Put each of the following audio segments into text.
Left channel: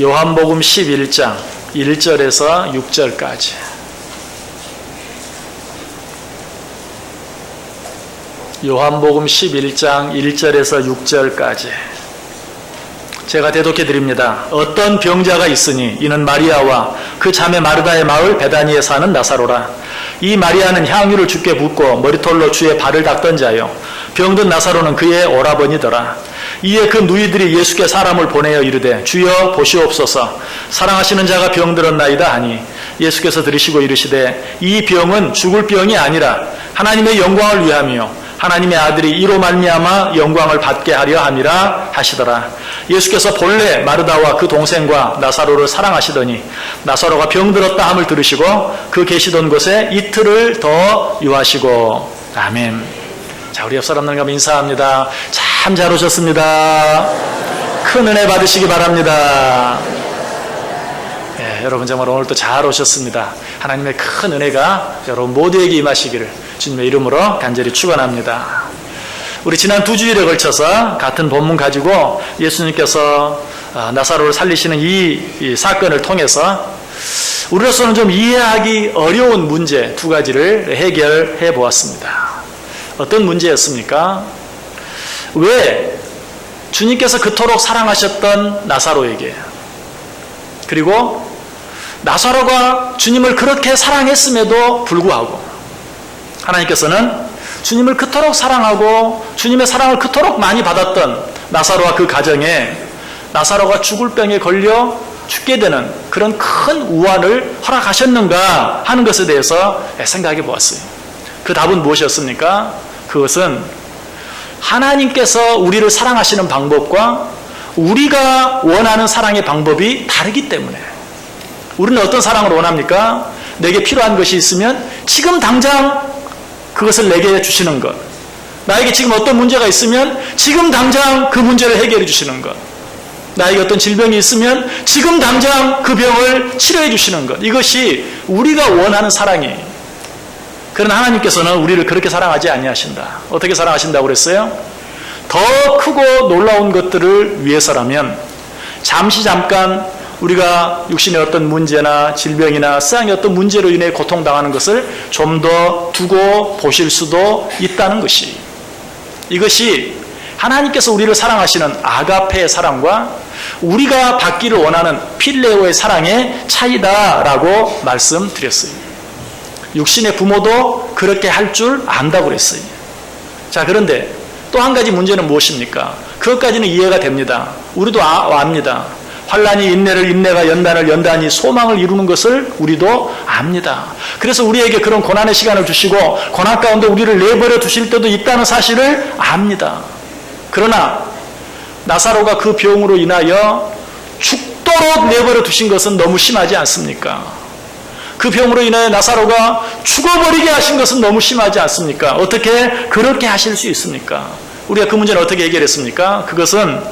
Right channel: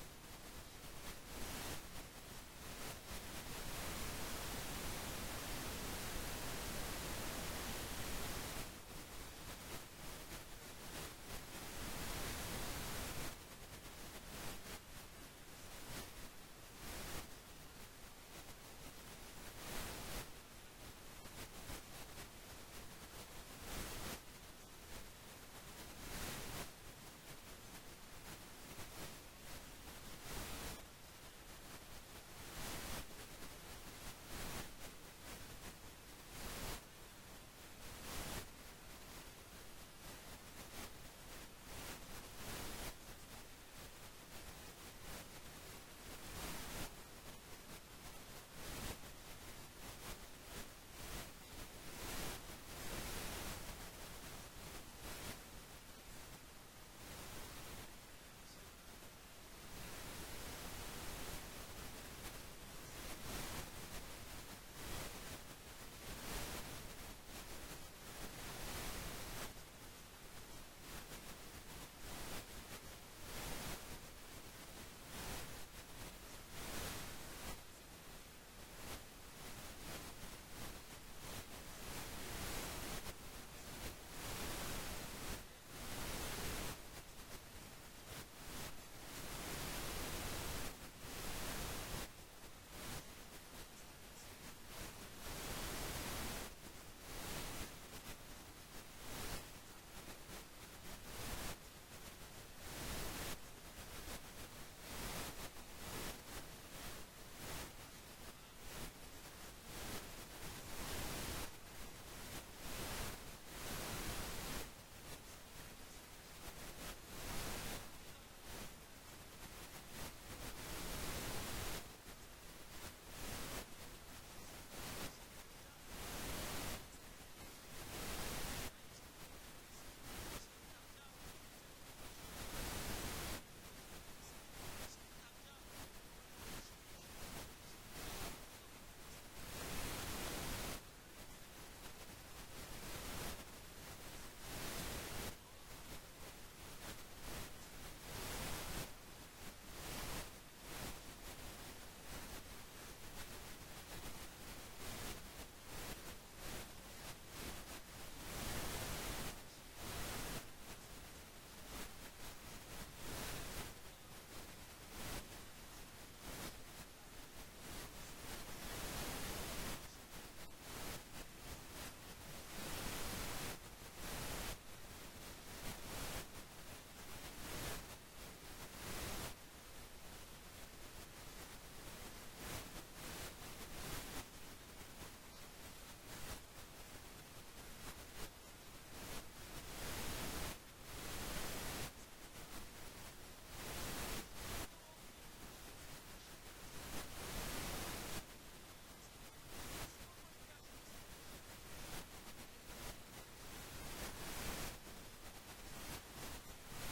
요한복음 11장 1절에서 6절까지. 요한복음 11장 1절에서 6절까지. 제가 대독해 드립니다. 어떤 병자가 있으니 이는 마리아와 그 자매 마르다의 마을 베다니에 사는 나사로라. 이 마리아는 향유를 주께 붓고 머리털로 주의 발을 닦던 자요, 병든 나사로는 그의 오라버니더라. 이에 그 누이들이 예수께 사람을 보내어 이르되 주여 보시옵소서, 사랑하시는 자가 병들었나이다 하니 예수께서 들으시고 이르시되 이 병은 죽을 병이 아니라 하나님의 영광을 위함이요 하나님의 아들이 이로 말미암아 영광을 받게 하려 함이라 하시더라. 예수께서 본래 마르다와 그 동생과 나사로를 사랑하시더니 나사로가 병들었다 함을 들으시고 그 계시던 곳에 이틀을 더 유하시고. 아멘. 자, 우리 옆 사람들과 인사합니다. 참 잘 오셨습니다. 큰 은혜 받으시기 바랍니다. 예, 여러분 정말 오늘도 잘 오셨습니다. 하나님의 큰 은혜가 여러분 모두에게 임하시기를 주님의 이름으로 간절히 축원합니다. 우리 지난 2주일에 걸쳐서 같은 본문 가지고 예수님께서 나사로를 살리시는 이 사건을 통해서 우리로서는 좀 이해하기 어려운 문제 2가지를 해결해 보았습니다. 어떤 문제였습니까? 왜 주님께서 그토록 사랑하셨던 나사로에게, 그리고 나사로가 주님을 그렇게 사랑했음에도 불구하고 하나님께서는 주님을 그토록 사랑하고 주님의 사랑을 그토록 많이 받았던 나사로와 그 가정에 나사로가 죽을 병에 걸려 죽게 되는 그런 큰 우환을 허락하셨는가 하는 것에 대해서 생각해 보았어요. 그 답은 무엇이었습니까? 그것은 하나님께서 우리를 사랑하시는 방법과 우리가 원하는 사랑의 방법이 다르기 때문에. 우리는 어떤 사랑을 원합니까? 내게 필요한 것이 있으면 지금 당장 그것을 내게 주시는 것. 나에게 지금 어떤 문제가 있으면 지금 당장 그 문제를 해결해 주시는 것. 나에게 어떤 질병이 있으면 지금 당장 그 병을 치료해 주시는 것. 이것이 우리가 원하는 사랑이에요. 그러나 하나님께서는 우리를 그렇게 사랑하지 아니하신다. 어떻게 사랑하신다고 그랬어요? 더 크고 놀라운 것들을 위해서라면 잠깐 우리가 육신의 어떤 문제나 질병이나 세상의 어떤 문제로 인해 고통당하는 것을 좀 더 두고 보실 수도 있다는 것이, 이것이 하나님께서 우리를 사랑하시는 아가페의 사랑과 우리가 받기를 원하는 필레오의 사랑의 차이다라고 말씀드렸어요. 육신의 부모도 그렇게 할 줄 안다고 그랬어요. 자, 그런데 또 한 가지 문제는 무엇입니까? 그것까지는 이해가 됩니다. 우리도 압니다. 환난이 인내를, 인내가 연단을, 연단이 소망을 이루는 것을 우리도 압니다. 그래서 우리에게 그런 고난의 시간을 주시고 고난 가운데 우리를 내버려 두실 때도 있다는 사실을 압니다. 그러나 나사로가 그 병으로 인하여 죽도록 내버려 두신 것은 너무 심하지 않습니까? 그 병으로 인하여 나사로가 죽어버리게 하신 것은 너무 심하지 않습니까? 어떻게 그렇게 하실 수 있습니까? 우리가 그 문제는 어떻게 해결했습니까? 그것은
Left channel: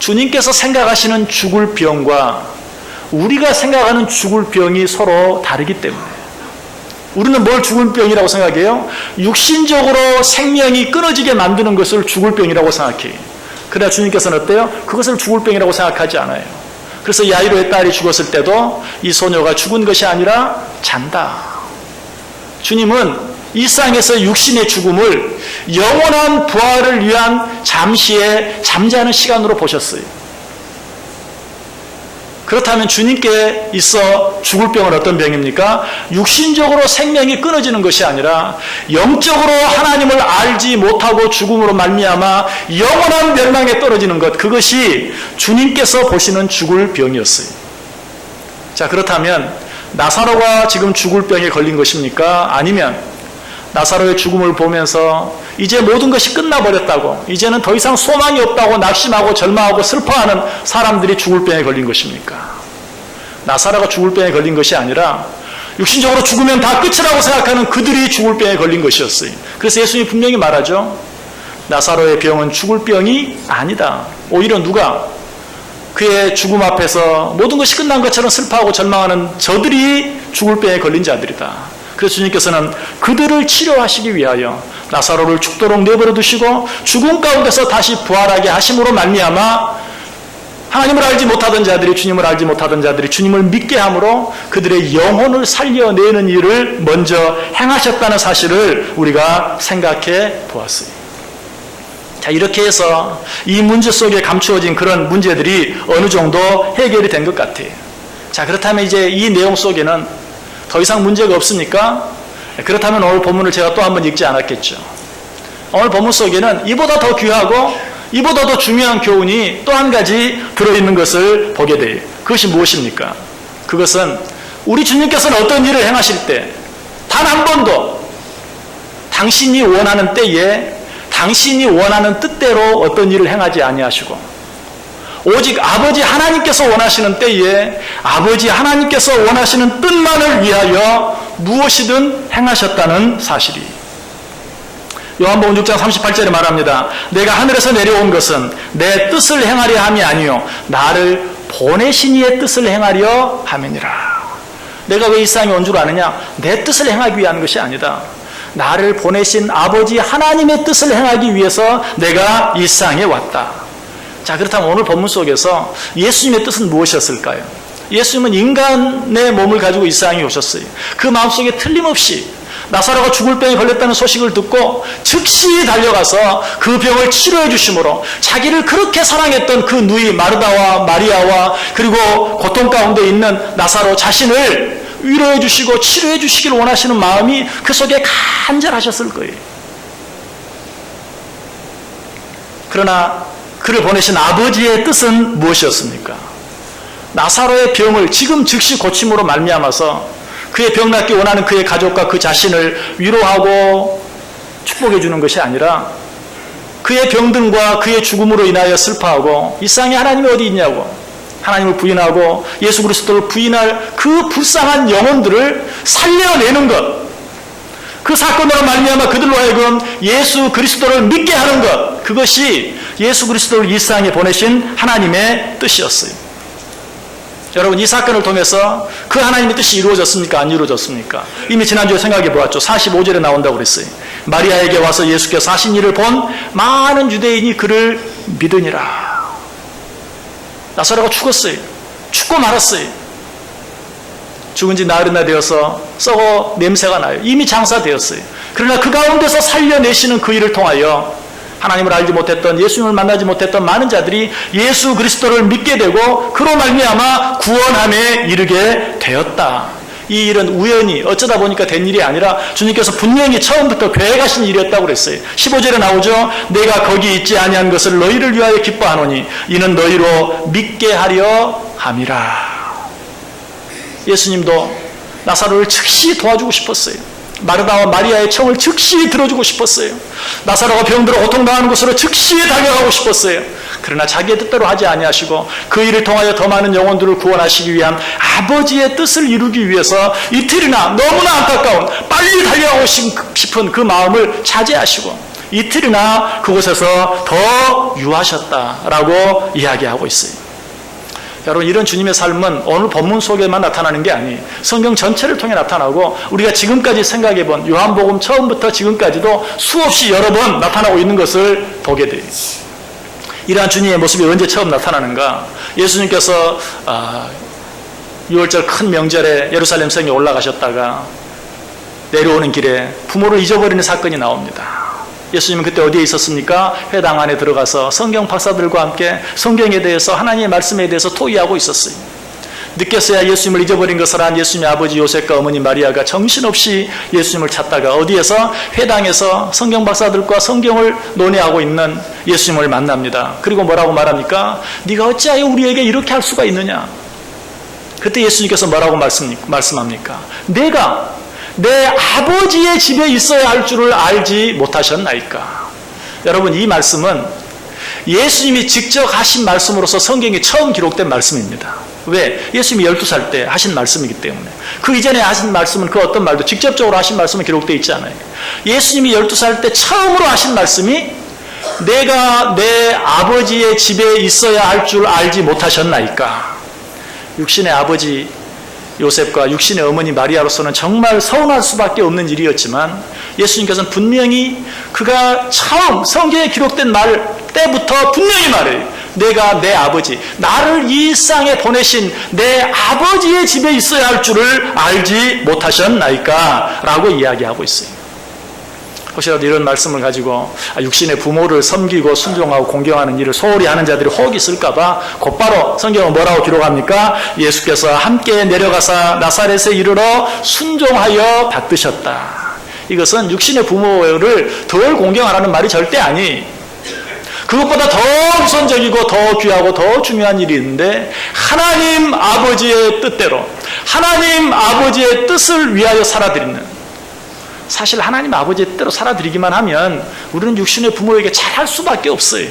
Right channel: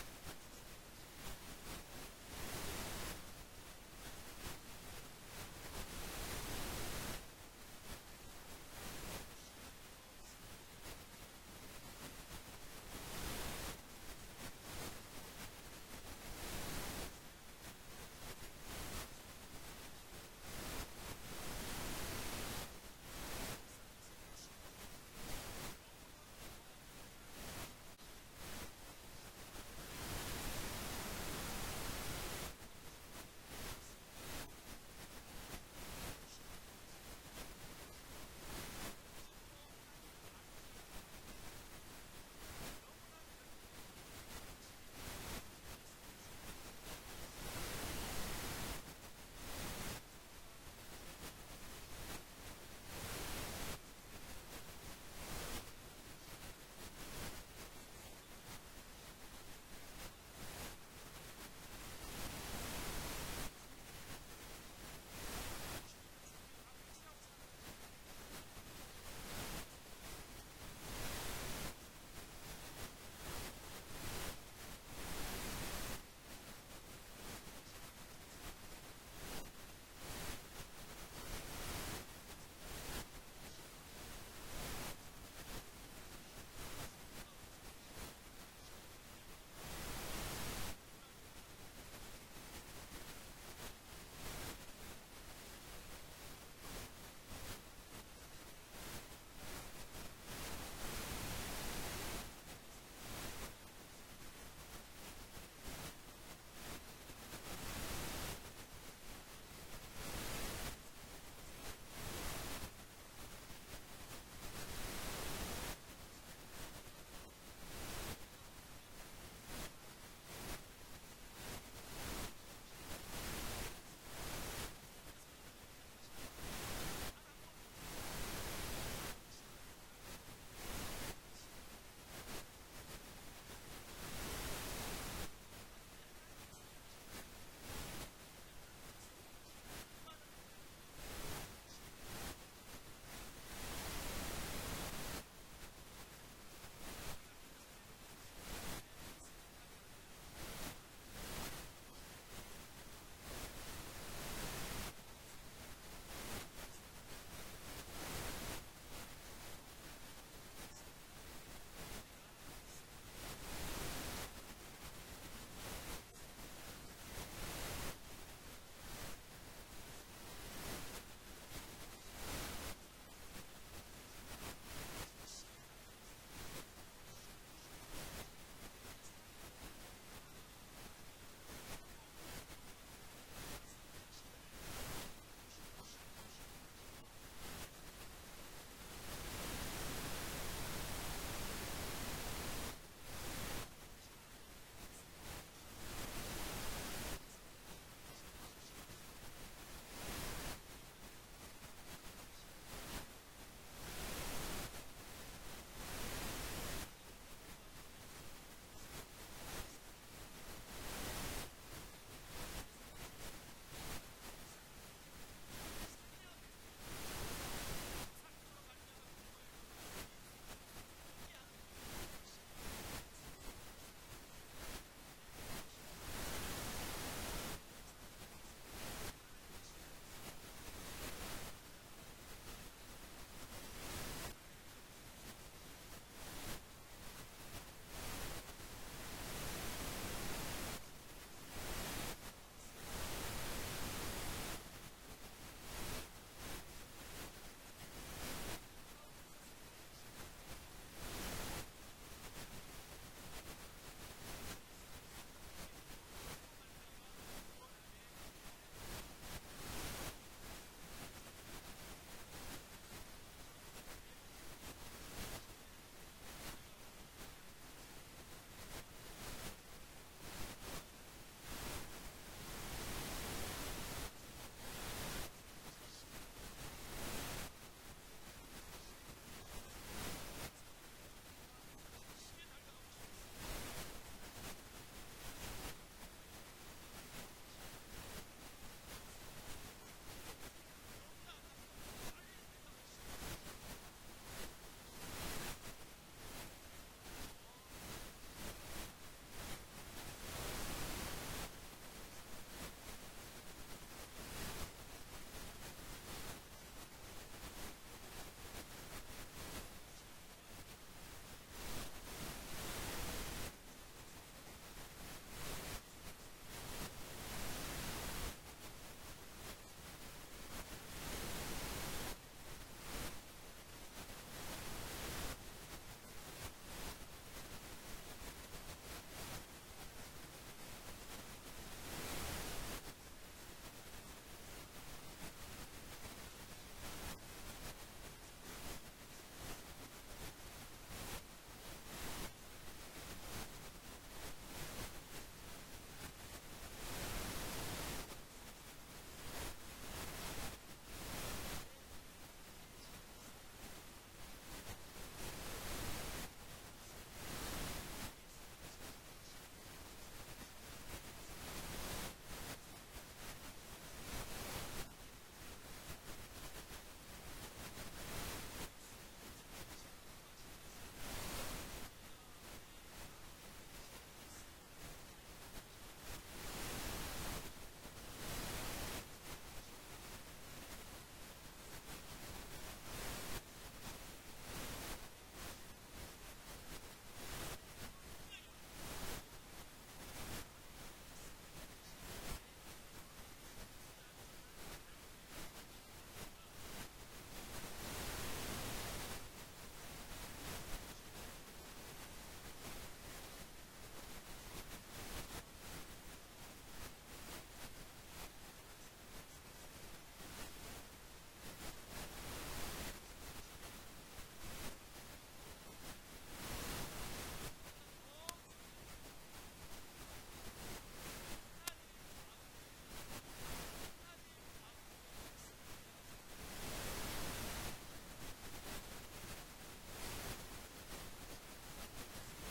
주님께서 생각하시는 죽을 병과 우리가 생각하는 죽을 병이 서로 다르기 때문에. 우리는 뭘 죽을 병이라고 생각해요? 육신적으로 생명이 끊어지게 만드는 것을 죽을 병이라고 생각해요. 그러나 주님께서는 어때요? 그것을 죽을 병이라고 생각하지 않아요. 그래서 야이로의 딸이 죽었을 때도 이 소녀가 죽은 것이 아니라 잔다. 주님은 이 세상에서 육신의 죽음을 영원한 부활을 위한 잠시의 잠자는 시간으로 보셨어요. 그렇다면 주님께 있어 죽을 병은 어떤 병입니까? 육신적으로 생명이 끊어지는 것이 아니라 영적으로 하나님을 알지 못하고 죽음으로 말미암아 영원한 멸망에 떨어지는 것, 그것이 주님께서 보시는 죽을 병이었어요. 자, 그렇다면 나사로가 지금 죽을 병에 걸린 것입니까? 아니면 나사로의 죽음을 보면서 이제 모든 것이 끝나버렸다고, 이제는 더 이상 소망이 없다고 낙심하고 절망하고 슬퍼하는 사람들이 죽을 병에 걸린 것입니까? 나사로가 죽을 병에 걸린 것이 아니라 육신적으로 죽으면 다 끝이라고 생각하는 그들이 죽을 병에 걸린 것이었어요. 그래서 예수님이 분명히 말하죠. 나사로의 병은 죽을 병이 아니다. 오히려 누가 그의 죽음 앞에서 모든 것이 끝난 것처럼 슬퍼하고 절망하는 저들이 죽을 병에 걸린 자들이다. 그래서 주님께서는 그들을 치료하시기 위하여 나사로를 죽도록 내버려 두시고 죽음 가운데서 다시 부활하게 하심으로 말미암아 하나님을 알지 못하던 자들이, 주님을 알지 못하던 자들이 주님을 믿게 함으로 그들의 영혼을 살려내는 일을 먼저 행하셨다는 사실을 우리가 생각해 보았어요. 자, 이렇게 해서 이 문제 속에 감추어진 그런 문제들이 어느 정도 해결이 된 것 같아요. 자, 그렇다면 이제 이 내용 속에는 더 이상 문제가 없습니까? 그렇다면 오늘 본문을 제가 또 한번 읽지 않았겠죠. 오늘 본문 속에는 이보다 더 귀하고 이보다 더 중요한 교훈이 또 한 가지 들어있는 것을 보게 돼요. 그것이 무엇입니까? 그것은 우리 주님께서는 어떤 일을 행하실 때 단 한 번도 당신이 원하는 때에 당신이 원하는 뜻대로 어떤 일을 행하지 아니하시고 오직 아버지 하나님께서 원하시는 때에 아버지 하나님께서 원하시는 뜻만을 위하여 무엇이든 행하셨다는 사실이. 요한복음 6장 38절에 말합니다. 내가 하늘에서 내려온 것은 내 뜻을 행하려 함이 아니요 나를 보내신 이의 뜻을 행하려 함이니라. 내가 왜 이 세상에 온 줄 아느냐? 내 뜻을 행하기 위한 것이 아니다. 나를 보내신 아버지 하나님의 뜻을 행하기 위해서 내가 이 세상에 왔다. 자, 그렇다면 오늘 본문 속에서 예수님의 뜻은 무엇이었을까요? 예수님은 인간의 몸을 가지고 이 세상에 오셨어요. 그 마음속에 틀림없이 나사로가 죽을 병에 걸렸다는 소식을 듣고 즉시 달려가서 그 병을 치료해 주심으로 자기를 그렇게 사랑했던 그 누이 마르다와 마리아와 그리고 고통 가운데 있는 나사로 자신을 위로해 주시고 치료해 주시기를 원하시는 마음이 그 속에 간절하셨을 거예요. 그러나 그를 보내신 아버지의 뜻은 무엇이었습니까? 나사로의 병을 지금 즉시 고침으로 말미암아서 그의 병 낫기 원하는 그의 가족과 그 자신을 위로하고 축복해 주는 것이 아니라 그의 병든과 그의 죽음으로 인하여 슬퍼하고 이 세상에 하나님이 어디 있냐고 하나님을 부인하고 예수 그리스도를 부인할 그 불쌍한 영혼들을 살려내는 것, 그 사건으로 말미암아 그들로 하여금 예수 그리스도를 믿게 하는 것, 그것이 예수 그리스도를 이 세상에 보내신 하나님의 뜻이었어요. 여러분, 이 사건을 통해서 그 하나님의 뜻이 이루어졌습니까? 안 이루어졌습니까? 이미 지난주에 생각해 보았죠. 45절에 나온다고 그랬어요. 마리아에게 와서 예수께서 하신 일을 본 많은 유대인이 그를 믿으니라. 나사로가 죽었어요. 죽고 말았어요. 죽은 지 나흘이나 되어서 썩어 냄새가 나요. 이미 장사되었어요. 그러나 그 가운데서 살려내시는 그 일을 통하여 하나님을 알지 못했던, 예수님을 만나지 못했던 많은 자들이 예수 그리스도를 믿게 되고 그로 말미암아 구원함에 이르게 되었다. 이 일은 우연히 어쩌다 보니까 된 일이 아니라 주님께서 분명히 처음부터 계획하신 일이었다고 그랬어요. 15절에 나오죠. 내가 거기 있지 아니한 것을 너희를 위하여 기뻐하노니 이는 너희로 믿게 하려 함이라. 예수님도 나사로를 즉시 도와주고 싶었어요. 마르다와 마리아의 청을 즉시 들어주고 싶었어요. 나사로가 병들어 고통당하는 곳으로 즉시 달려가고 싶었어요. 그러나 자기의 뜻대로 하지 아니하시고 그 일을 통하여 더 많은 영혼들을 구원하시기 위한 아버지의 뜻을 이루기 위해서 이틀이나 너무나 안타까운 빨리 달려가고 싶은 그 마음을 자제하시고 이틀이나 그곳에서 더 유하셨다라고 이야기하고 있어요. 여러분, 이런 주님의 삶은 오늘 본문 속에만 나타나는 게 아니에요. 성경 전체를 통해 나타나고 우리가 지금까지 생각해본 요한복음 처음부터 지금까지도 수없이 여러 번 나타나고 있는 것을 보게 돼요. 이러한 주님의 모습이 언제 처음 나타나는가? 예수님께서 6월절 큰 명절에 예루살렘 성에 올라가셨다가 내려오는 길에 부모를 잊어버리는 사건이 나옵니다. 예수님은 그때 어디에 있었습니까? 회당 안에 들어가서 성경 박사들과 함께 성경에 대해서, 하나님의 말씀에 대해서 토의하고 있었어요. 늦게서야 예수님을 잊어버린 것을 안 예수님의 아버지 요셉과 어머니 마리아가 정신없이 예수님을 찾다가 어디에서? 회당에서 성경 박사들과 성경을 논의하고 있는 예수님을 만납니다. 그리고 뭐라고 말합니까? 네가 어찌하여 우리에게 이렇게 할 수가 있느냐? 그때 예수님께서 뭐라고 말씀합니까? 내가 내 아버지의 집에 있어야 할 줄을 알지 못하셨나이까? 여러분, 이 말씀은 예수님이 직접 하신 말씀으로서 성경에 처음 기록된 말씀입니다. 왜? 예수님이 12살 때 하신 말씀이기 때문에. 그 이전에 하신 말씀은 그 어떤 말도 직접적으로 하신 말씀은 기록되어 있지 않아요. 예수님이 12살 때 처음으로 하신 말씀이 내가 내 아버지의 집에 있어야 할 줄 알지 못하셨나이까? 육신의 아버지 요셉과 육신의 어머니 마리아로서는 정말 서운할 수밖에 없는 일이었지만 예수님께서는 분명히 그가 처음 성경에 기록된 말 때부터 분명히 말해요. 내가 내 아버지, 나를 이 세상에 보내신 내 아버지의 집에 있어야 할 줄을 알지 못하셨나이까? 라고 이야기하고 있어요. 혹시라도 이런 말씀을 가지고 육신의 부모를 섬기고 순종하고 공경하는 일을 소홀히 하는 자들이 혹 있을까봐 곧바로 성경은 뭐라고 기록합니까? 예수께서 함께 내려가사 나사렛에 이르러 순종하여 받드셨다. 이것은 육신의 부모를 덜 공경하라는 말이 절대 아니. 그것보다 더 우선적이고 더 귀하고 더 중요한 일이 있는데 하나님 아버지의 뜻대로 하나님 아버지의 뜻을 위하여 살아드리는, 사실 하나님 아버지의 뜻대로 살아드리기만 하면 우리는 육신의 부모에게 잘할 수밖에 없어요.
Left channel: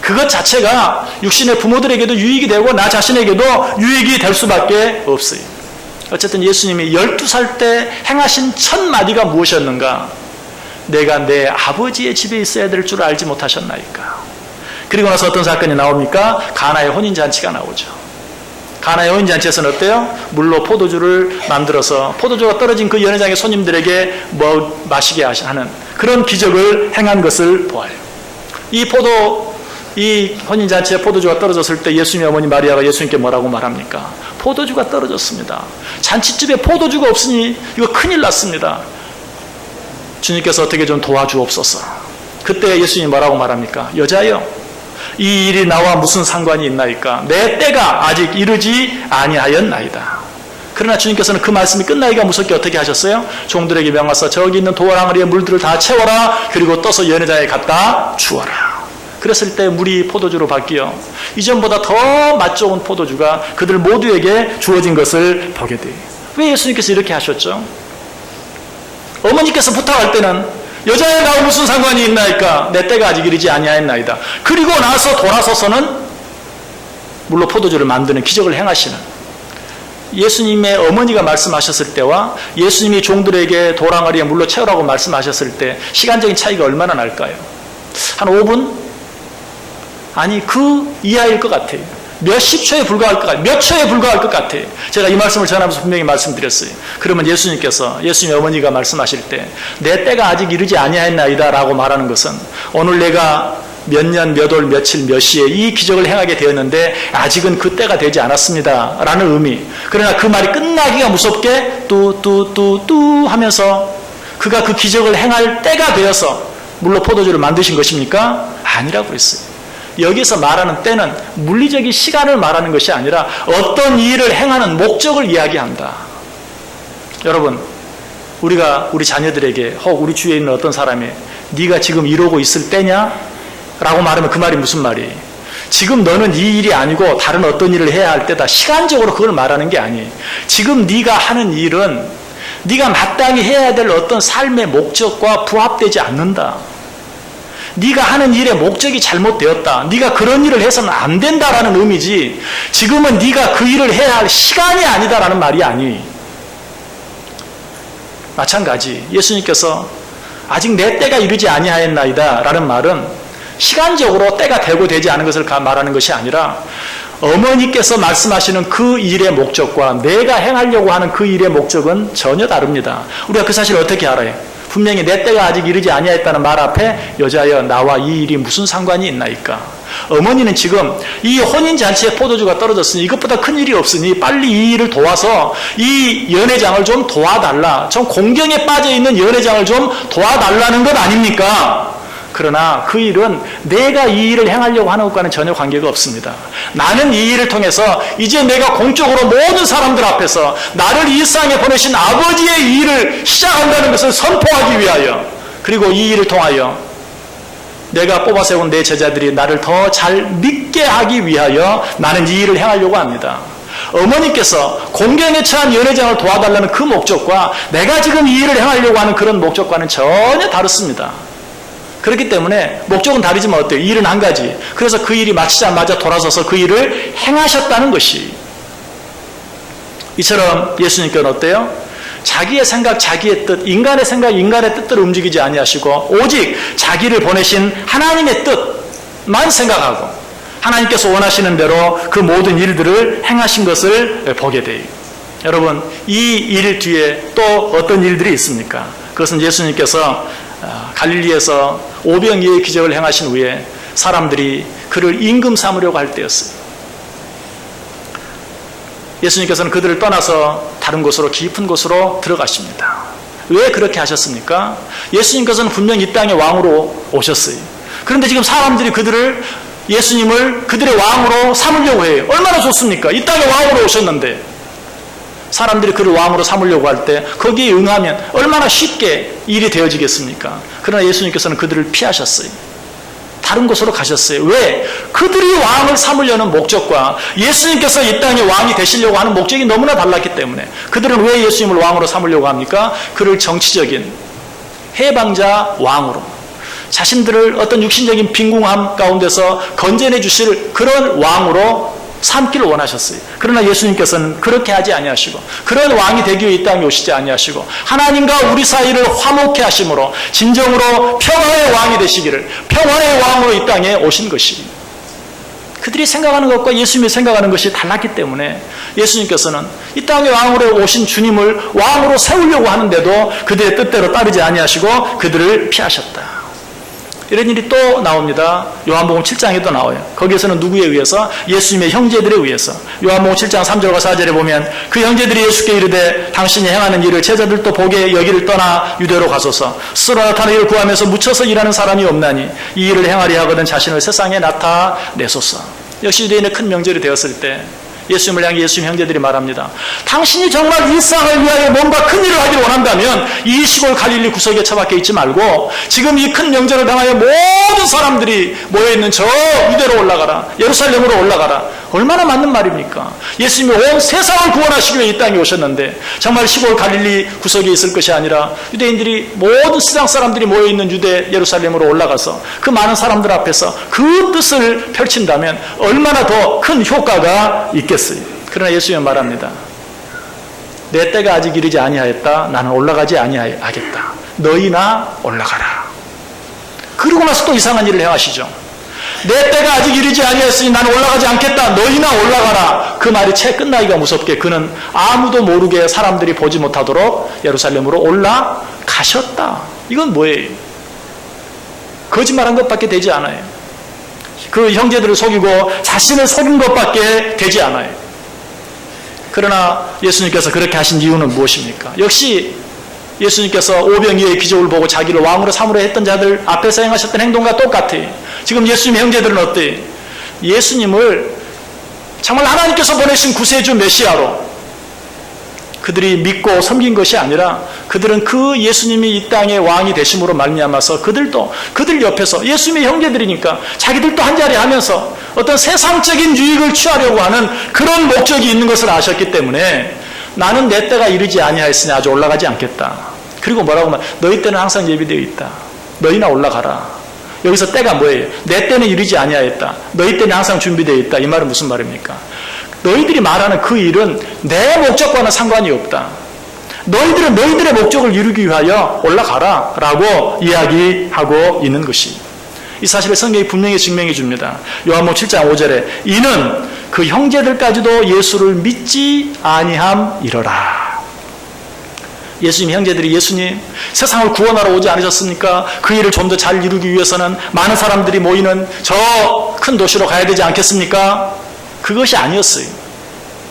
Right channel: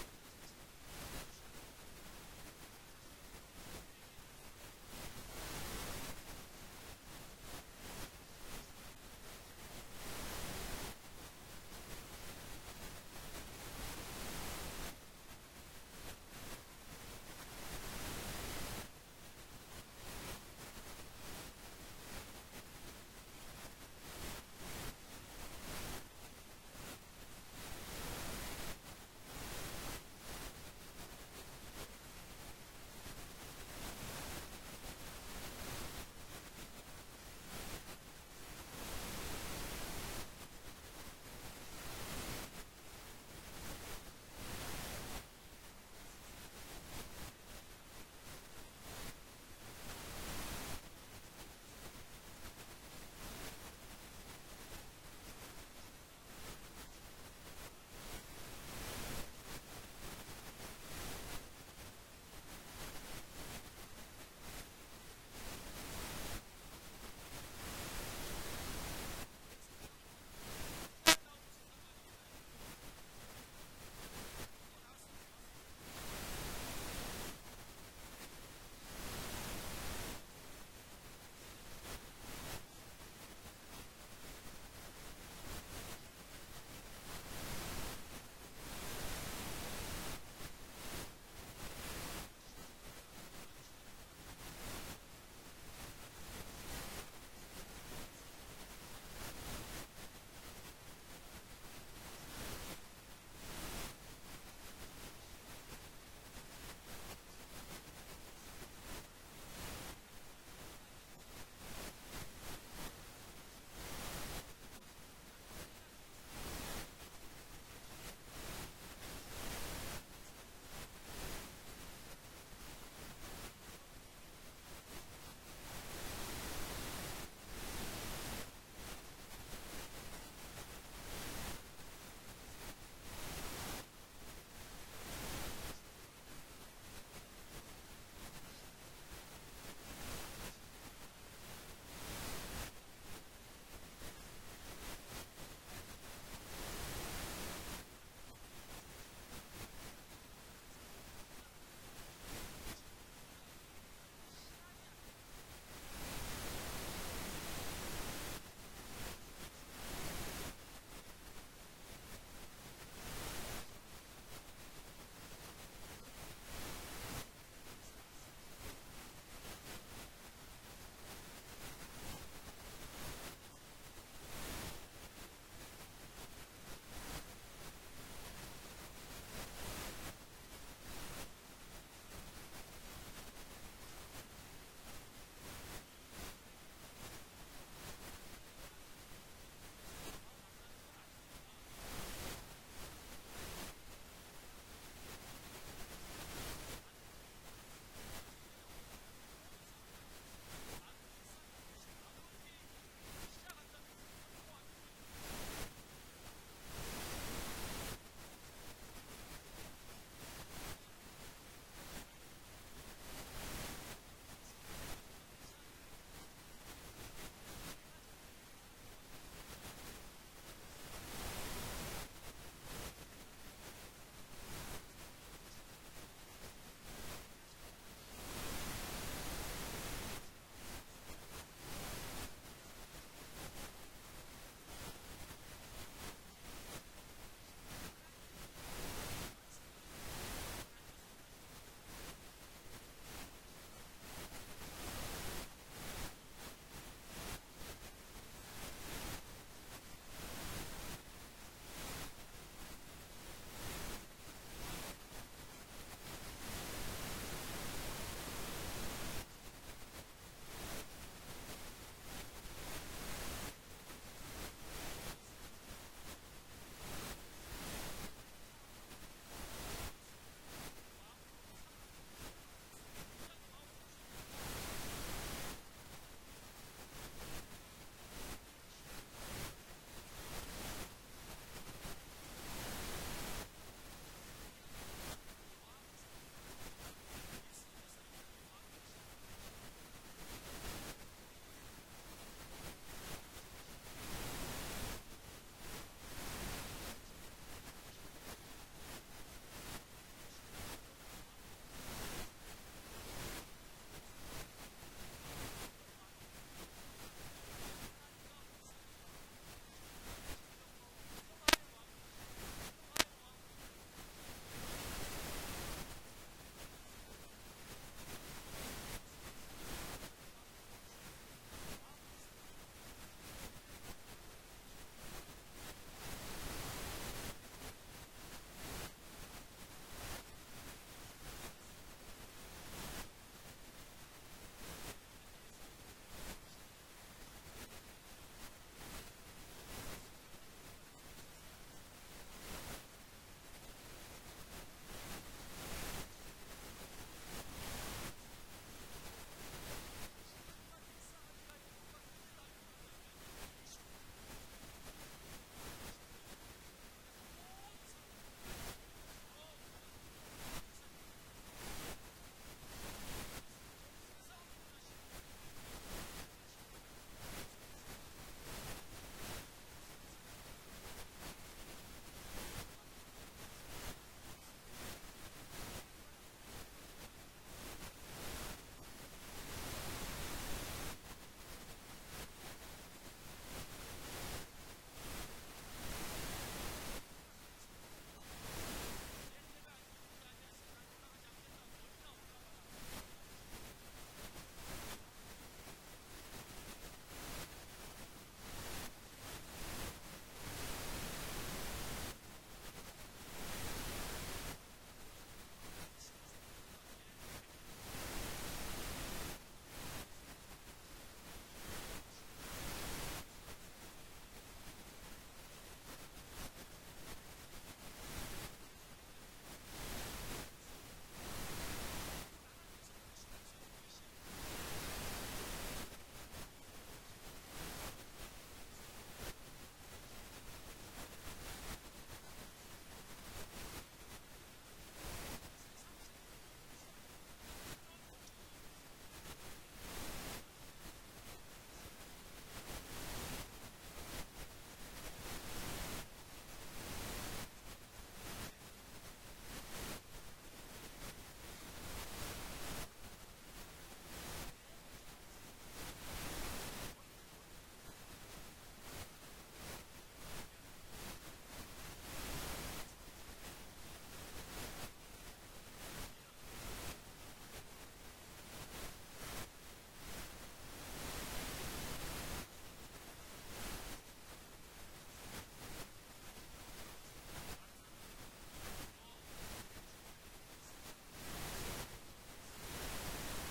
그것 자체가 육신의 부모들에게도 유익이 되고 나 자신에게도 유익이 될 수밖에 없어요. 어쨌든 예수님이 12살 때 행하신 첫 마디가 무엇이었는가? 내가 내 아버지의 집에 있어야 될 줄 알지 못하셨나이까? 그리고 나서 어떤 사건이 나옵니까? 가나의 혼인잔치가 나오죠. 가나의 혼인잔치에서는 어때요? 물로 포도주를 만들어서 포도주가 떨어진 그 연회장의 손님들에게 마시게 하는 그런 기적을 행한 것을 보아요. 이 혼인잔치에 포도주가 떨어졌을 때 예수님의 어머니 마리아가 예수님께 뭐라고 말합니까? 포도주가 떨어졌습니다. 잔치집에 포도주가 없으니 이거 큰일 났습니다. 주님께서 어떻게 좀 도와주옵소서. 그때 예수님이 뭐라고 말합니까? 여자여, 이 일이 나와 무슨 상관이 있나이까? 내 때가 아직 이르지 아니하였나이다. 그러나 주님께서는 그 말씀이 끝나기가 무섭게 어떻게 하셨어요? 종들에게 명하사 저기 있는 도랑아리에 물들을 다 채워라. 그리고 떠서 연회장에 갖다 주어라. 그랬을 때 물이 포도주로 바뀌어 이전보다 더 맛 좋은 포도주가 그들 모두에게 주어진 것을 보게 돼요. 왜 예수님께서 이렇게 하셨죠? 어머니께서 부탁할 때는 여자에 나와 무슨 상관이 있나이까? 내 때가 아직 이르지 아니하였나이다. 그리고 나서 돌아서서는 물로 포도주를 만드는 기적을 행하시는, 예수님의 어머니가 말씀하셨을 때와 예수님이 종들에게 도랑아리에 물로 채우라고 말씀하셨을 때 시간적인 차이가 얼마나 날까요? 한 5분? 아니 그 이하일 것 같아요. 몇십 초에 불과할 것 같아요. 몇 초에 불과할 것 같아요. 제가 이 말씀을 전하면서 분명히 말씀드렸어요. 그러면 예수님의 어머니가 말씀하실 때 내 때가 아직 이르지 아니하였나이다 라고 말하는 것은 오늘 내가 몇 년, 몇 월, 며칠, 몇 시에 이 기적을 행하게 되었는데 아직은 그 때가 되지 않았습니다 라는 의미. 그러나 그 말이 끝나기가 무섭게 뚜뚜뚜뚜 하면서 그가 그 기적을 행할 때가 되어서 물로 포도주를 만드신 것입니까? 아니라고 그랬어요. 여기서 말하는 때는 물리적인 시간을 말하는 것이 아니라 어떤 일을 행하는 목적을 이야기한다. 여러분, 우리가 우리 자녀들에게 혹 우리 주위에 있는 어떤 사람이 네가 지금 이러고 있을 때냐? 라고 말하면 그 말이 무슨 말이에요? 지금 너는 이 일이 아니고 다른 어떤 일을 해야 할 때다. 시간적으로 그걸 말하는 게 아니에요. 지금 네가 하는 일은 네가 마땅히 해야 될 어떤 삶의 목적과 부합되지 않는다. 네가 하는 일의 목적이 잘못되었다. 네가 그런 일을 해서는 안 된다라는 의미지 지금은 네가 그 일을 해야 할 시간이 아니다라는 말이 아니. 마찬가지 예수님께서 아직 내 때가 이르지 아니하였나이다 라는 말은 시간적으로 때가 되고 되지 않은 것을 말하는 것이 아니라 어머니께서 말씀하시는 그 일의 목적과 내가 행하려고 하는 그 일의 목적은 전혀 다릅니다. 우리가 그 사실을 어떻게 알아요? 분명히 내 때가 아직 이르지 아니하였다는 말 앞에 여자여 나와 이 일이 무슨 상관이 있나이까? 어머니는 지금 이 혼인잔치에 포도주가 떨어졌으니 이것보다 큰 일이 없으니 빨리 이 일을 도와서 이 연회장을 좀 도와달라. 좀 공경에 빠져있는 연회장을 좀 도와달라는 것 아닙니까? 그러나 그 일은 내가 이 일을 행하려고 하는 것과는 전혀 관계가 없습니다. 나는 이 일을 통해서 이제 내가 공적으로 모든 사람들 앞에서 나를 이 세상에 보내신 아버지의 이 일을 시작한다는 것을 선포하기 위하여, 그리고 이 일을 통하여 내가 뽑아 세운 내 제자들이 나를 더 잘 믿게 하기 위하여 나는 이 일을 행하려고 합니다. 어머니께서 공경에 처한 연회장을 도와달라는 그 목적과 내가 지금 이 일을 행하려고 하는 그런 목적과는 전혀 다릅니다. 그렇기 때문에 목적은 다르지만 어때요? 일은 한 가지. 그래서 그 일이 마치자마자 돌아서서 그 일을 행하셨다는 것이, 이처럼 예수님께는 어때요? 자기의 생각, 자기의 뜻, 인간의 생각, 인간의 뜻대로 움직이지 아니하시고 오직 자기를 보내신 하나님의 뜻만 생각하고 하나님께서 원하시는 대로 그 모든 일들을 행하신 것을 보게 돼요. 여러분, 이 일 뒤에 또 어떤 일들이 있습니까? 그것은 예수님께서 갈릴리에서 오병이어의 기적을 행하신 후에 사람들이 그를 임금 삼으려고 할 때였어요. 예수님께서는 그들을 떠나서 다른 곳으로 깊은 곳으로 들어가십니다. 왜 그렇게 하셨습니까? 예수님께서는 분명 이 땅의 왕으로 오셨어요. 그런데 지금 사람들이 예수님을 그들의 왕으로 삼으려고 해요. 얼마나 좋습니까? 이 땅의 왕으로 오셨는데 사람들이 그를 왕으로 삼으려고 할 때 거기에 응하면 얼마나 쉽게 일이 되어지겠습니까? 그러나 예수님께서는 그들을 피하셨어요. 다른 곳으로 가셨어요. 왜? 그들이 왕을 삼으려는 목적과 예수님께서 이 땅의 왕이 되시려고 하는 목적이 너무나 달랐기 때문에 그들은 왜 예수님을 왕으로 삼으려고 합니까? 그를 정치적인 해방자 왕으로 자신들을 어떤 육신적인 빈궁함 가운데서 건져내 주실 그런 왕으로 삼기를 원하셨어요. 그러나 예수님께서는 그렇게 하지 아니하시고 그런 왕이 되기 위해 이 땅에 오시지 아니하시고 하나님과 우리 사이를 화목케 하심으로 진정으로 평화의 왕이 되시기를 평화의 왕으로 이 땅에 오신 것이 그들이 생각하는 것과 예수님이 생각하는 것이 달랐기 때문에 예수님께서는 이 땅의 왕으로 오신 주님을 왕으로 세우려고 하는데도 그들의 뜻대로 따르지 아니하시고 그들을 피하셨다. 이런 일이 또 나옵니다. 요한복음 7장에도 나와요. 거기에서는 누구에 의해서? 예수님의 형제들에 의해서. 요한복음 7장 3절과 4절에 보면 그 형제들이 예수께 이르되 당신이 행하는 일을 제자들도 보게 여기를 떠나 유대로 가소서. 스스로 나타나 이를 구하면서 묻혀서 일하는 사람이 없나니 이 일을 행하려 하거든 자신을 세상에 나타내소서. 역시 유대인의 큰 명절이 되었을 때 예수님을 향해 예수님 형제들이 말합니다. 당신이 정말 일상을 위하여 뭔가 큰 일을 하기를 원한다면 이 시골 갈릴리 구석에 처박혀 있지 말고 지금 이 큰 명절을 당하여 모든 사람들이 모여있는 저 유대로 올라가라. 예루살렘으로 올라가라. 얼마나 맞는 말입니까? 예수님이 온 세상을 구원하시기 위해 이 땅에 오셨는데 정말 시골 갈릴리 구석에 있을 것이 아니라 유대인들이 모든 세상 사람들이 모여있는 유대 예루살렘으로 올라가서 그 많은 사람들 앞에서 그 뜻을 펼친다면 얼마나 더 큰 효과가 있겠어요. 그러나 예수님은 말합니다. 내 때가 아직 이르지 아니하였다. 나는 올라가지 아니하겠다. 너희나 올라가라. 그러고 나서 또 이상한 일을 행하시죠. 내 때가 아직 이르지 아니하였으니 나는 올라가지 않겠다. 너희나 올라가라. 그 말이 채 끝나기가 무섭게 그는 아무도 모르게 사람들이 보지 못하도록 예루살렘으로 올라가셨다. 이건 뭐예요? 거짓말한 것밖에 되지 않아요. 그 형제들을 속이고 자신을 속인 것밖에 되지 않아요. 그러나 예수님께서 그렇게 하신 이유는 무엇입니까? 역시 예수님께서 오병이어의 기적을 보고 자기를 왕으로 삼으려 했던 자들 앞에서 행하셨던 행동과 똑같아요. 지금 예수님의 형제들은 어때요? 예수님을 정말 하나님께서 보내신 구세주 메시아로 그들이 믿고 섬긴 것이 아니라 그들은 그 예수님이 이 땅의 왕이 되심으로 말미암아서 그들 옆에서 예수님의 형제들이니까 자기들도 한자리 하면서 어떤 세상적인 유익을 취하려고 하는 그런 목적이 있는 것을 아셨기 때문에 나는 내 때가 이르지 아니하였으니 아주 올라가지 않겠다. 그리고 뭐라고 하면 너희 때는 항상 예비되어 있다. 너희나 올라가라. 여기서 때가 뭐예요? 내 때는 이르지 아니하였다. 너희 때는 항상 준비되어 있다. 이 말은 무슨 말입니까? 너희들이 말하는 그 일은 내 목적과는 상관이 없다. 너희들은 너희들의 목적을 이루기 위하여 올라가라 라고 이야기하고 있는 것이 이 사실을 성경이 분명히 증명해 줍니다. 요한복음 7장 5절에 이는 그 형제들까지도 예수를 믿지 아니함이러라. 예수님 형제들이 예수님 세상을 구원하러 오지 않으셨습니까? 그 일을 좀 더 잘 이루기 위해서는 많은 사람들이 모이는 저 큰 도시로 가야 되지 않겠습니까? 그것이 아니었어요.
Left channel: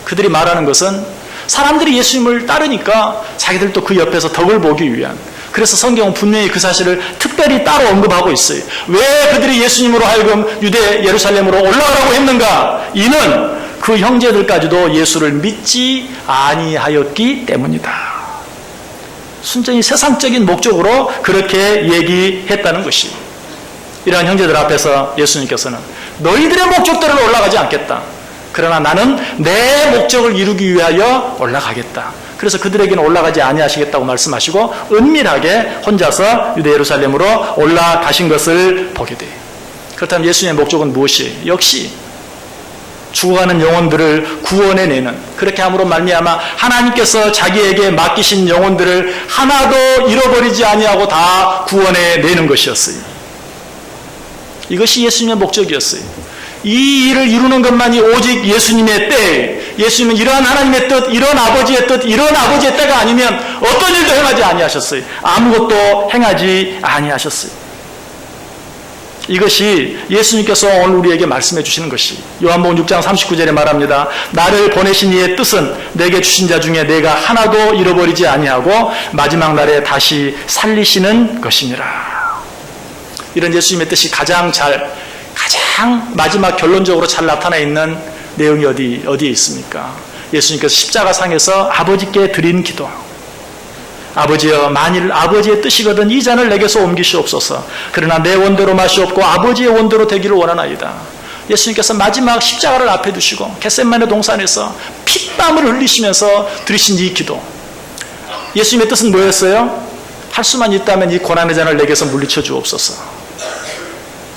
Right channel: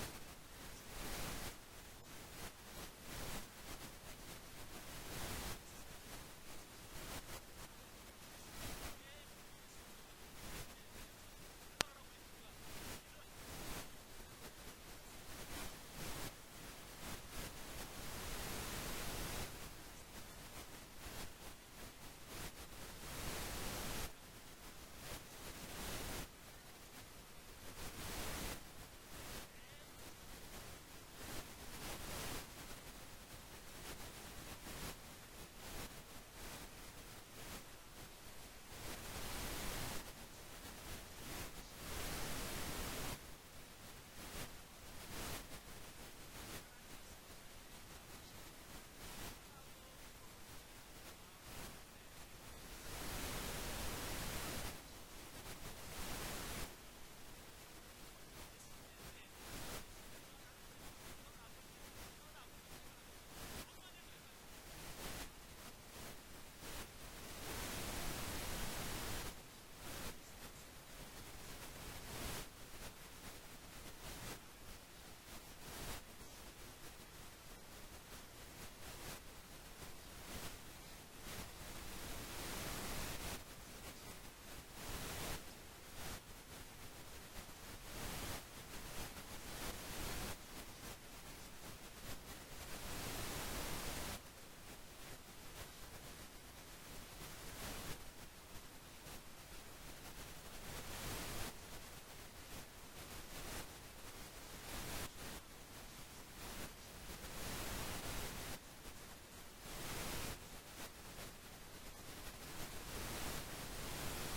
그들이 말하는 것은 사람들이 예수님을 따르니까 자기들도 그 옆에서 덕을 보기 위한, 그래서 성경은 분명히 그 사실을 특별히 따로 언급하고 있어요. 왜 그들이 예수님으로 하여금 유대 예루살렘으로 올라가라고 했는가? 이는 그 형제들까지도 예수를 믿지 아니하였기 때문이다. 순전히 세상적인 목적으로 그렇게 얘기했다는 것이, 이러한 형제들 앞에서 예수님께서는 너희들의 목적대로 올라가지 않겠다. 그러나 나는 내 목적을 이루기 위하여 올라가겠다. 그래서 그들에게는 올라가지 아니하시겠다고 말씀하시고 은밀하게 혼자서 유대 예루살렘으로 올라가신 것을 보게 돼요. 그렇다면 예수님의 목적은 무엇이에요? 역시 죽어가는 영혼들을 구원해내는, 그렇게 함으로 말미암아 하나님께서 자기에게 맡기신 영혼들을 하나도 잃어버리지 아니하고 다 구원해내는 것이었어요. 이것이 예수님의 목적이었어요. 이 일을 이루는 것만이 오직 예수님의 때, 예수님은 이러한 하나님의 뜻, 이런 아버지의 뜻, 이런 아버지의 때가 아니면 어떤 일도 행하지 아니하셨어요. 아무것도 행하지 아니하셨어요. 이것이 예수님께서 오늘 우리에게 말씀해 주시는 것이 요한복음 6장 39절에 말합니다. 나를 보내신 이의 뜻은 내게 주신 자 중에 내가 하나도 잃어버리지 아니하고 마지막 날에 다시 살리시는 것이니라. 이런 예수님의 뜻이 가장 마지막 결론적으로 잘 나타나 있는 내용이 어디에 있습니까? 예수님께서 십자가상에서 아버지께 드린 기도. 아버지여, 만일 아버지의 뜻이거든 이 잔을 내게서 옮기시옵소서. 그러나 내 원대로 마시옵고 아버지의 원대로 되기를 원하나이다. 예수님께서 마지막 십자가를 앞에 두시고 겟세마네 동산에서 핏땀을 흘리시면서 드리신 이 기도. 예수님의 뜻은 뭐였어요? 할 수만 있다면 이 고난의 잔을 내게서 물리쳐 주옵소서.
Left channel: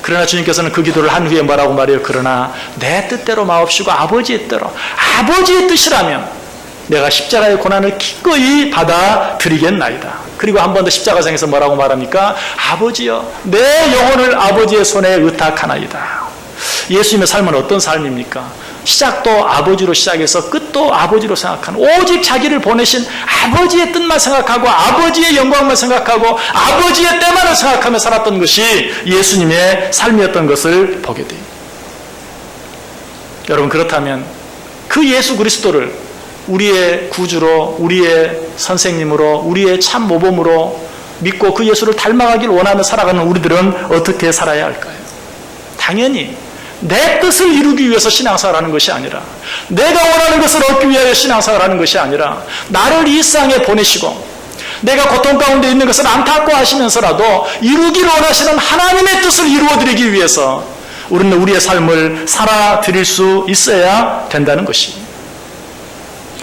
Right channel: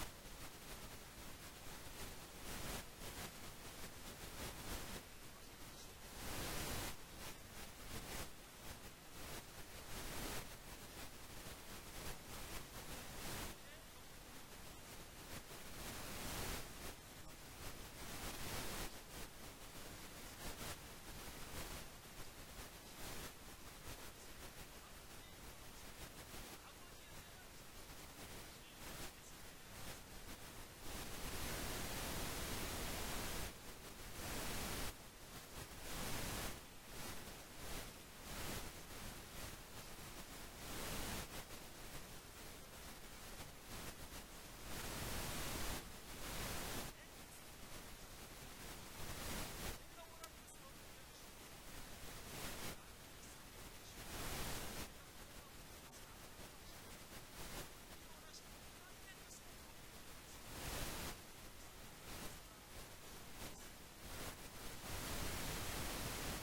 그러나 주님께서는 그 기도를 한 후에 뭐라고 말해요? 그러나 내 뜻대로 마옵시고 아버지의 뜻대로, 아버지의 뜻이라면 내가 십자가의 고난을 기꺼이 받아들이겠나이다. 그리고 한 번 더 십자가상에서 뭐라고 말합니까? 아버지여, 내 영혼을 아버지의 손에 의탁하나이다. 예수님의 삶은 어떤 삶입니까? 시작도 아버지로 시작해서 끝도 아버지로 생각하는, 오직 자기를 보내신 아버지의 뜻만 생각하고 아버지의 영광만 생각하고 아버지의 때만을 생각하며 살았던 것이 예수님의 삶이었던 것을 보게 돼요. 여러분, 그렇다면 그 예수 그리스도를 우리의 구주로, 우리의 선생님으로, 우리의 참 모범으로 믿고 그 예수를 닮아가길 원하며 살아가는 우리들은 어떻게 살아야 할까요? 당연히 내 뜻을 이루기 위해서 신앙생활하는 것이 아니라, 내가 원하는 것을 얻기 위하여 신앙생활하는 것이 아니라, 나를 이 세상에 보내시고 내가 고통 가운데 있는 것을 안타까워하시면서라도 이루기를 원하시는 하나님의 뜻을 이루어드리기 위해서 우리는 우리의 삶을 살아드릴 수 있어야 된다는 것입니다.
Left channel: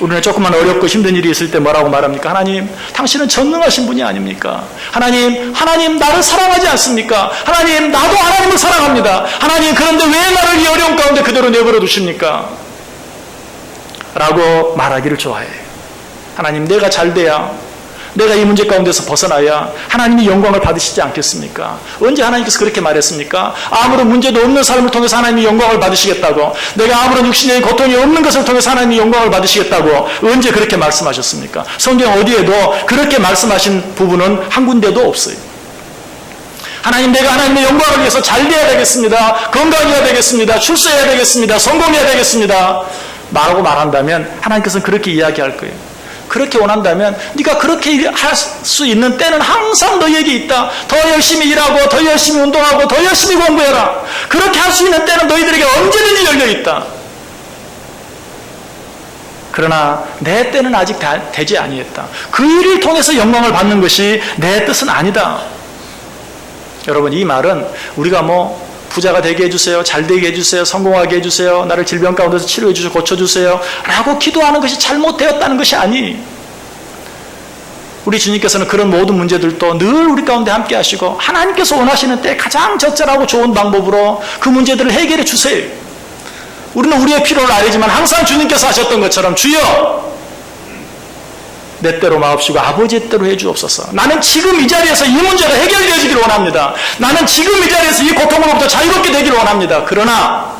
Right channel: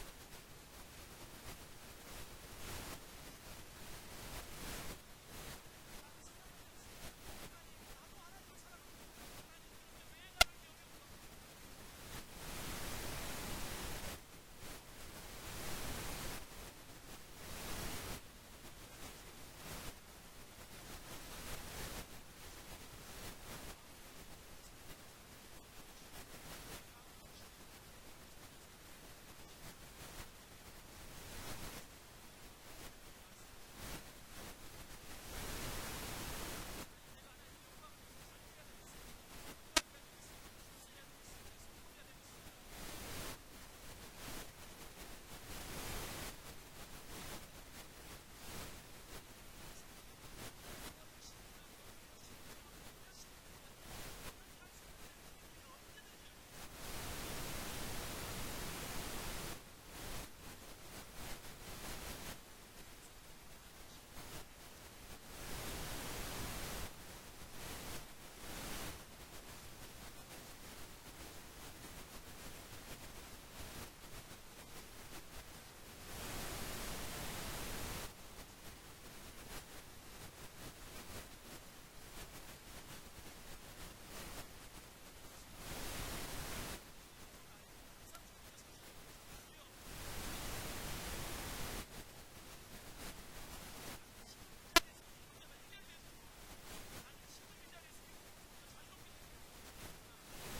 우리는 조금만 어렵고 힘든 일이 있을 때 뭐라고 말합니까? 하나님, 당신은 전능하신 분이 아닙니까? 하나님 나를 사랑하지 않습니까? 하나님, 나도 하나님을 사랑합니다. 하나님, 그런데 왜 나를 이 어려운 가운데 그대로 내버려 두십니까? 라고 말하기를 좋아해요. 하나님, 내가 잘 돼야, 내가 이 문제 가운데서 벗어나야 하나님이 영광을 받으시지 않겠습니까? 언제 하나님께서 그렇게 말했습니까? 아무런 문제도 없는 삶을 통해서 하나님이 영광을 받으시겠다고, 내가 아무런 육신의 고통이 없는 것을 통해서 하나님이 영광을 받으시겠다고 언제 그렇게 말씀하셨습니까? 성경 어디에도 그렇게 말씀하신 부분은 한 군데도 없어요. 하나님, 내가 하나님의 영광을 위해서 잘 돼야 되겠습니다, 건강해야 되겠습니다, 출세해야 되겠습니다, 성공해야 되겠습니다 라고 말한다면 하나님께서는 그렇게 이야기할 거예요. 그렇게 원한다면 네가 그렇게 할 수 있는 때는 항상 너희에게 있다. 더 열심히 일하고 더 열심히 운동하고 더 열심히 공부해라. 그렇게 할 수 있는 때는 너희들에게 언제든지 열려있다. 그러나 내 때는 아직 되지 아니했다. 그 일을 통해서 영광을 받는 것이 내 뜻은 아니다. 여러분, 이 말은 우리가 부자가 되게 해주세요, 잘 되게 해주세요, 성공하게 해주세요, 나를 질병 가운데서 치료해 주시고 고쳐주세요 라고 기도하는 것이 잘못되었다는 것이 아니, 우리 주님께서는 그런 모든 문제들도 늘 우리 가운데 함께 하시고 하나님께서 원하시는 때 가장 적절하고 좋은 방법으로 그 문제들을 해결해 주세요. 우리는 우리의 필요를 알지만 항상 주님께서 하셨던 것처럼, 주여 내 때로 마옵시고 아버지의 때로 해주옵소서. 나는 지금 이 자리에서 이 문제가 해결되어지기를 원합니다. 나는 지금 이 자리에서 이 고통으로부터 자유롭게 되기를 원합니다. 그러나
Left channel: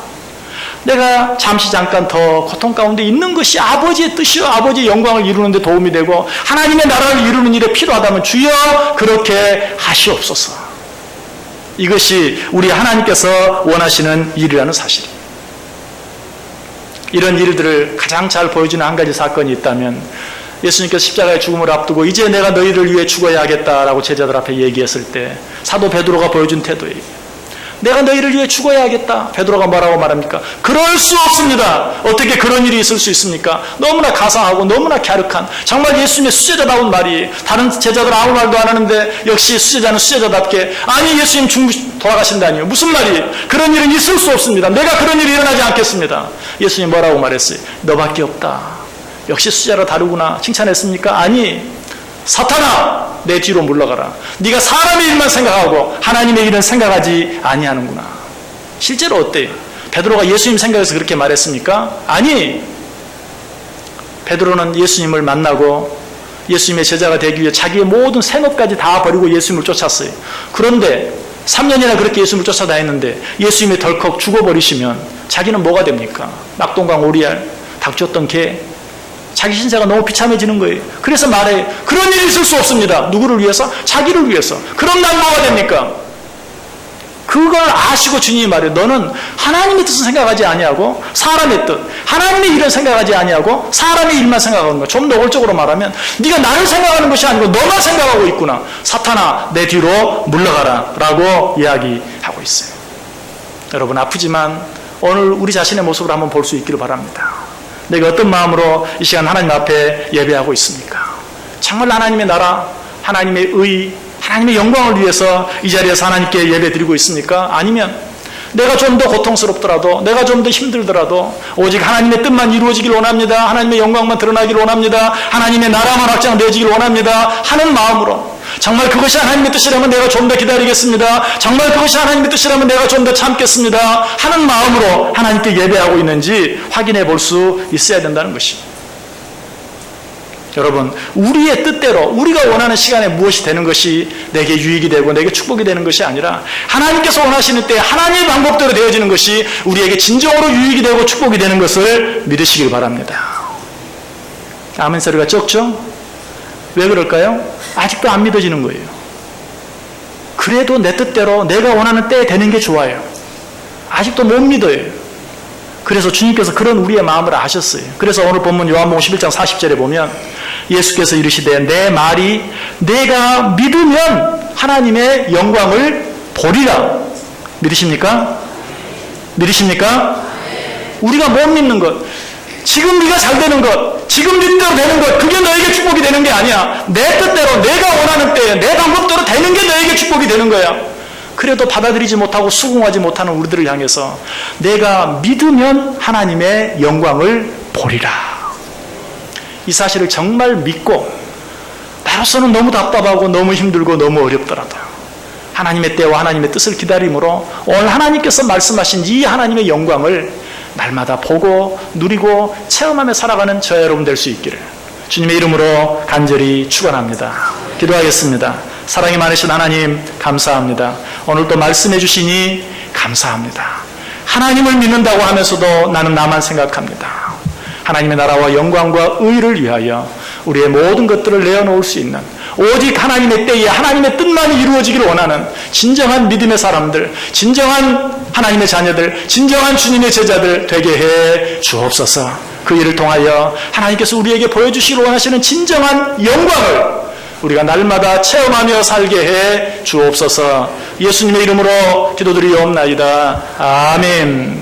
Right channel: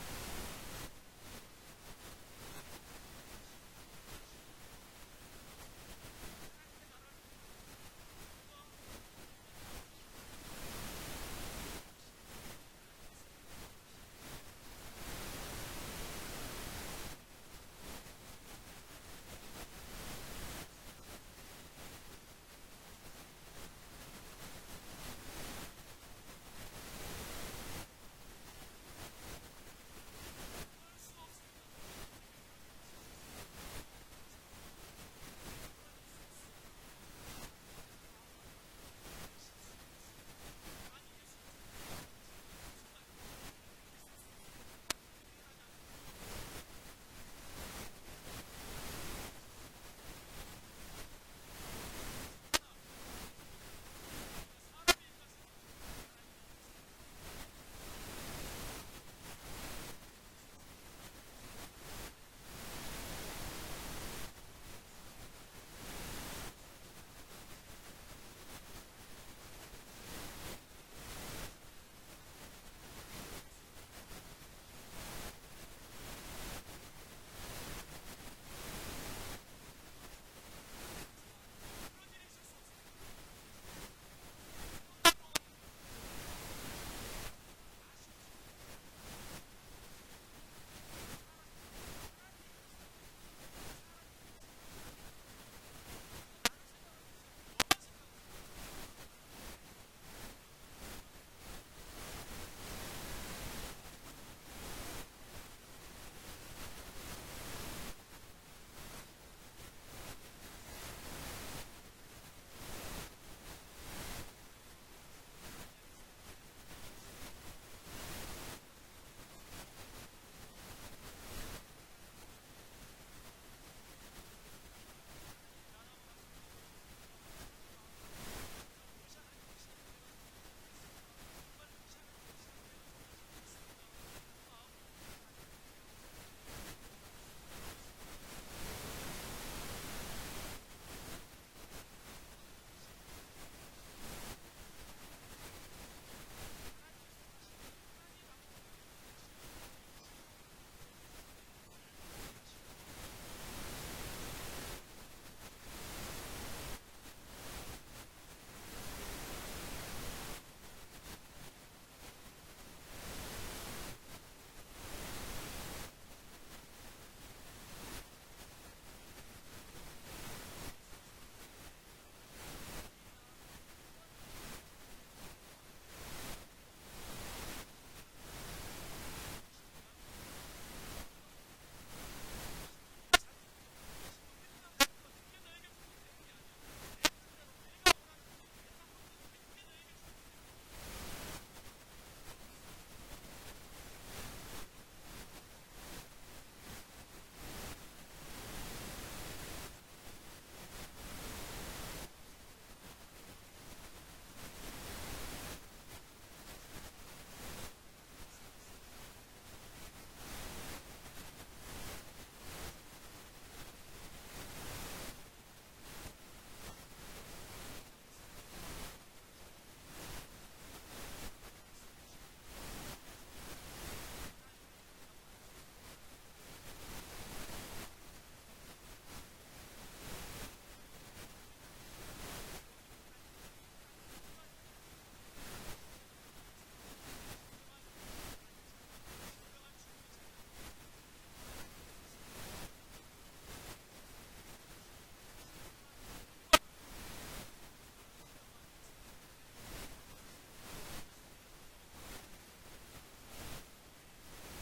내가 잠깐 더 고통 가운데 있는 것이 아버지의 뜻이요, 아버지의 영광을 이루는 데 도움이 되고 하나님의 나라를 이루는 일에 필요하다면 주여 그렇게 하시옵소서. 이것이 우리 하나님께서 원하시는 일이라는 사실입니다. 이런 일들을 가장 잘 보여주는 한 가지 사건이 있다면, 예수님께서 십자가의 죽음을 앞두고 이제 내가 너희를 위해 죽어야 하겠다라고 제자들 앞에 얘기했을 때 사도 베드로가 보여준 태도예요. 내가 너희를 위해 죽어야 하겠다. 베드로가 뭐라고 말합니까? 그럴 수 없습니다. 어떻게 그런 일이 있을 수 있습니까? 너무나 가상하고 너무나 갸륵한, 정말 예수님의 수제자다운 말이, 다른 제자들 아무 말도 안 하는데 역시 수제자는 수제자답게, 아니 예수님 돌아가신다니요, 무슨 말이에요? 그런 일은 있을 수 없습니다. 내가 그런 일이 일어나지 않겠습니다. 예수님 뭐라고 말했어요? 너밖에 없다. 역시 수제자로 다르구나. 칭찬했습니까? 아니, 사탄아 내 뒤로 물러가라. 네가 사람의 일만 생각하고 하나님의 일은 생각하지 아니하는구나. 실제로 어때요? 베드로가 예수님 생각해서 그렇게 말했습니까? 아니, 베드로는 예수님을 만나고 예수님의 제자가 되기 위해 자기의 모든 생업까지 다 버리고 예수님을 쫓았어요. 그런데 3년이나 그렇게 예수님을 쫓아다녔는데 예수님이 덜컥 죽어버리시면 자기는 뭐가 됩니까? 낙동강 오리알, 닥쳤던 개, 자기 신세가 너무 비참해지는 거예요. 그래서 말해요. 그런 일이 있을 수 없습니다. 누구를 위해서? 자기를 위해서. 그럼 난 뭐가 됩니까? 그걸 아시고 주님이 말해요. 너는 하나님의 뜻을 생각하지 아니하고 사람의 뜻, 하나님의 일을 생각하지 아니하고 사람의 일만 생각하는 거야. 좀 노골적으로 말하면 네가 나를 생각하는 것이 아니고 너만 생각하고 있구나. 사탄아, 내 뒤로 물러가라 라고 이야기하고 있어요. 여러분, 아프지만 오늘 우리 자신의 모습을 한번 볼 수 있기를 바랍니다. 내가 어떤 마음으로 이 시간 하나님 앞에 예배하고 있습니까? 정말 하나님의 나라, 하나님의 의, 하나님의 영광을 위해서 이 자리에서 하나님께 예배 드리고 있습니까? 아니면 내가 좀 더 고통스럽더라도, 내가 좀 더 힘들더라도 오직 하나님의 뜻만 이루어지길 원합니다. 하나님의 영광만 드러나길 원합니다. 하나님의 나라만 확장되어지길 원합니다. 하는 마음으로, 정말 그것이 하나님의 뜻이라면 내가 좀 더 기다리겠습니다. 정말 그것이 하나님의 뜻이라면 내가 좀 더 참겠습니다. 하는 마음으로 하나님께 예배하고 있는지 확인해 볼 수 있어야 된다는 것입니다. 여러분, 우리의 뜻대로 우리가 원하는 시간에 무엇이 되는 것이 내게 유익이 되고 내게 축복이 되는 것이 아니라 하나님께서 원하시는 때 하나님의 방법대로 되어지는 것이 우리에게 진정으로 유익이 되고 축복이 되는 것을 믿으시길 바랍니다. 아멘 소리가 적죠? 왜 그럴까요? 아직도 안 믿어지는 거예요. 그래도 내 뜻대로 내가 원하는 때에 되는 게 좋아요. 아직도 못 믿어요. 그래서 주님께서 그런 우리의 마음을 아셨어요. 그래서 오늘 본문 요한복음 11장 40절에 보면 예수께서 이르시되 내 말이 내가 믿으면 하나님의 영광을 보리라. 믿으십니까? 믿으십니까? 우리가 못 믿는 것, 지금 네가 잘 되는 것, 지금 믿대로 되는 것, 그게 너에게 축복이 되는 게 아니야. 내 뜻대로 내가 원하는 때에 내 방법대로 되는 게 너에게 축복이 되는 거야. 그래도 받아들이지 못하고 수긍하지 못하는 우리들을 향해서 내가 믿으면 하나님의 영광을 보리라. 이 사실을 정말 믿고, 나로서는 너무 답답하고 너무 힘들고 너무 어렵더라도 하나님의 때와 하나님의 뜻을 기다림으로 오늘 하나님께서 말씀하신 이 하나님의 영광을 날마다 보고 누리고 체험하며 살아가는 저와 여러분 될 수 있기를 주님의 이름으로 간절히 축원합니다. 기도하겠습니다. 사랑이 많으신 하나님, 감사합니다. 오늘 또 말씀해 주시니 감사합니다. 하나님을 믿는다고 하면서도 나는 나만 생각합니다. 하나님의 나라와 영광과 의를 위하여 우리의 모든 것들을 내어놓을 수 있는, 오직 하나님의 때에 하나님의 뜻만 이루어지기를 원하는 진정한 믿음의 사람들, 진정한 하나님의 자녀들, 진정한 주님의 제자들 되게 해 주옵소서. 그 일을 통하여 하나님께서 우리에게 보여주시기를 원하시는 진정한 영광을 우리가 날마다 체험하며 살게 해 주옵소서. 예수님의 이름으로 기도드리옵나이다. 아멘.